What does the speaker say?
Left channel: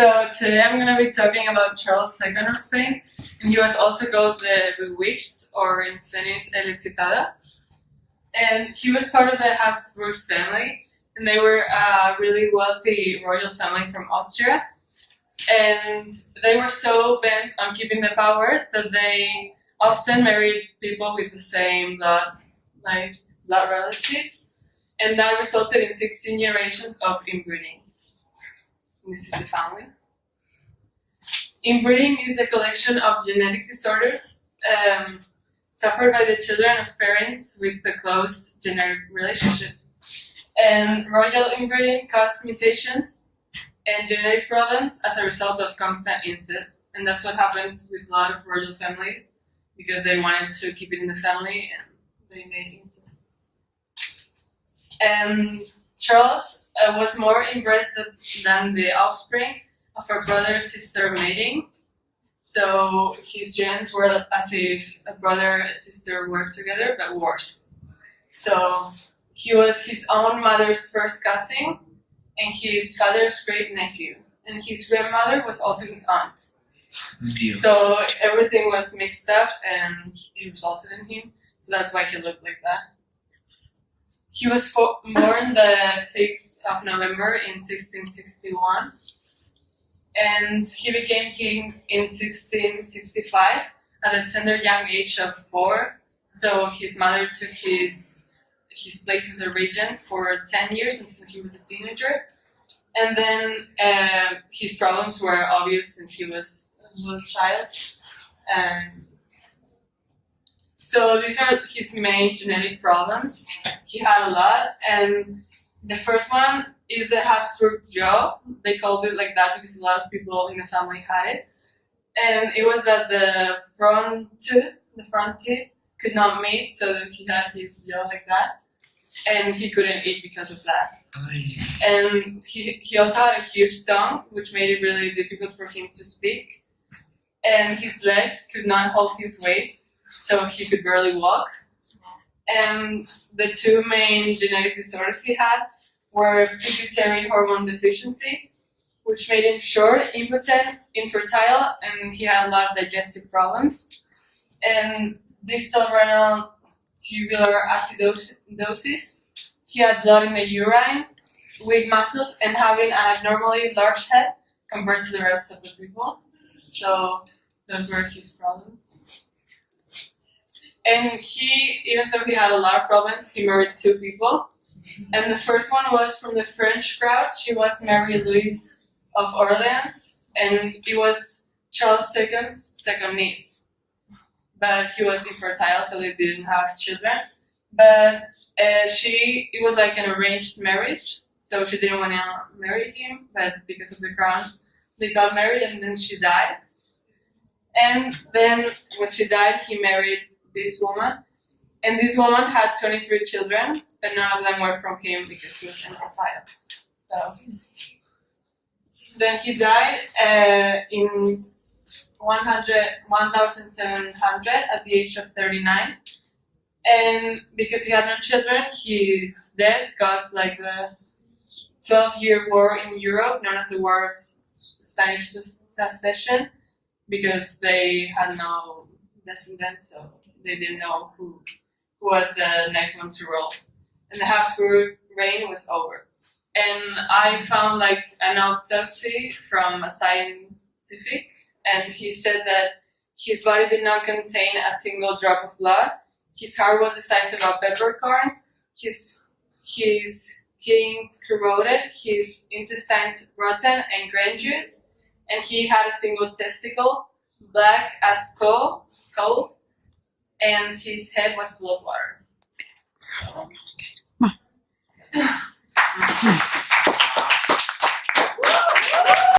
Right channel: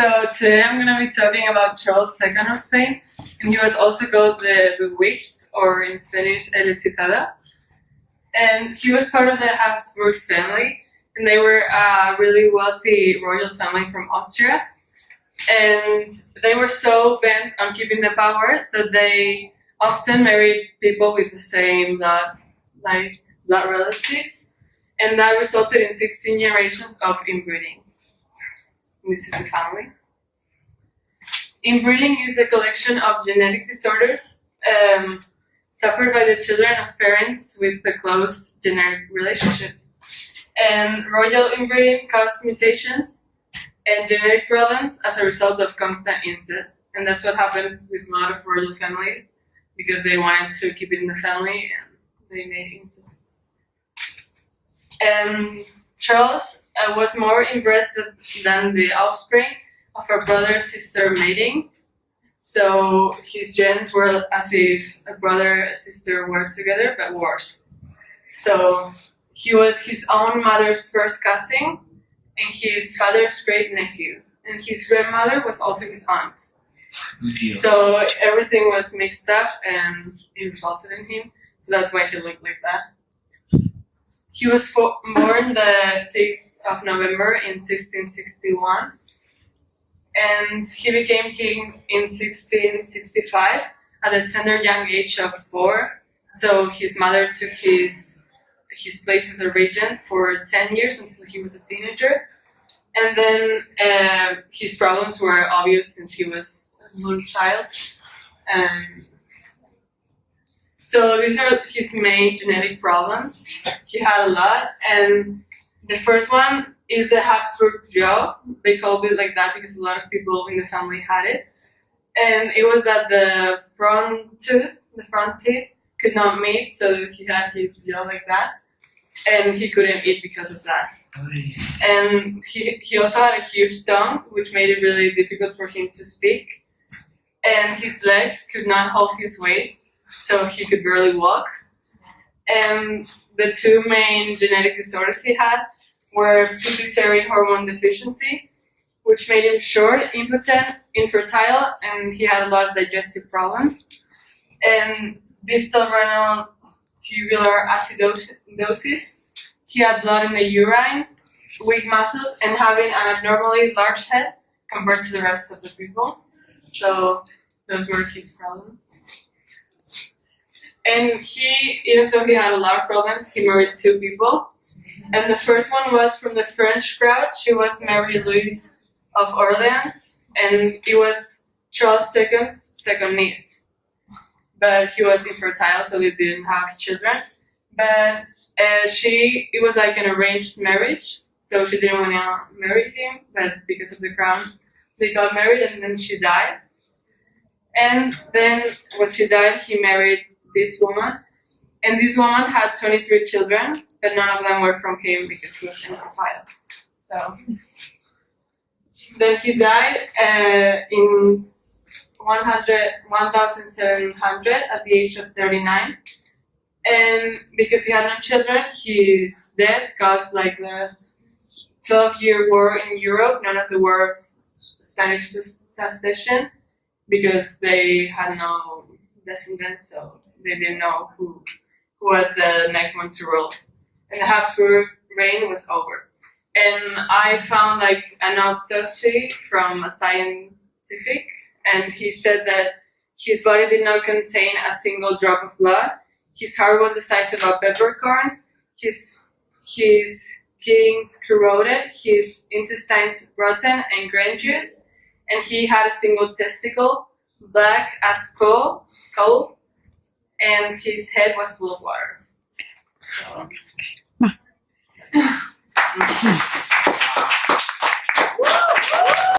So today I'm going to be talking about Charles II of Spain, and he was also called the Bewitched, or in Spanish, el hechizado. And he was part of the Habsburgs family, and they were a really wealthy royal family from Austria. And they were so bent on keeping the power that they often married people with the same blood, like blood relatives, and that resulted in 16 generations of inbreeding. This is the family. Inbreeding is a collection of genetic disorders suffered by the children of parents with a close genetic relationship. And royal inbreeding caused mutations and genetic problems as a result of constant incest. And that's what happened with a lot of royal families, because they wanted to keep it in the family and they made incest. And Charles was more inbred than the offspring of a brother-sister mating. So his genes were as if a brother and sister were together, but worse. So he was his own mother's first cousin and his father's great nephew. And his grandmother was also his aunt. Dios. So everything was mixed up and it resulted in him. So that's why he looked like that. He was born the 6th of November in 1661. And he became king in 1665 at the tender young age of 4. So his mother took his place as a regent for 10 years until he was a teenager. And then his problems were obvious since he was a little child. So these are his main genetic problems. He had a lot, and the first one is the Habsburg jaw. They called it like that because a lot of people in the family had it. And it was that the front teeth, could not meet, so he had his jaw like that. And he couldn't eat because of that. And he also had a huge tongue, which made it really difficult for him to speak. And his legs could not hold his weight, so he could barely walk. And the two main genetic disorders he had were pituitary hormone deficiency, which made him short, impotent, infertile, and he had a lot of digestive problems. And distal renal tubular acidosis, he had blood in the urine, weak muscles, and having an abnormally large head compared to the rest of the people. So those were his problems. And he, even though he had a lot of problems, he married 2 people. And the first one was from the French crowd. She was Mary Louise of Orleans, and it was Charles II's second niece. But he was infertile, so they didn't have children. But it was like an arranged marriage, so she didn't want to marry him, but because of the crown, they got married, and then she died. And then when she died, he married this woman, and this woman had 23 children, but none of them were from him because he was infertile. So then he died in 1700 at the age of 39, and because he had no children, his death caused like the 12-year war in Europe, known as the War of Spanish Succession, because they had no descendants, so they didn't know who was the next one to rule. And the Habsburg reign was over. And I found like an autopsy from a scientific, and he said that his body did not contain a single drop of blood. His heart was the size of a peppercorn. His kidneys corroded, his intestines rotten and gangrenous, and he had a single testicle, black as coal, and his head was full of water. So. Nice.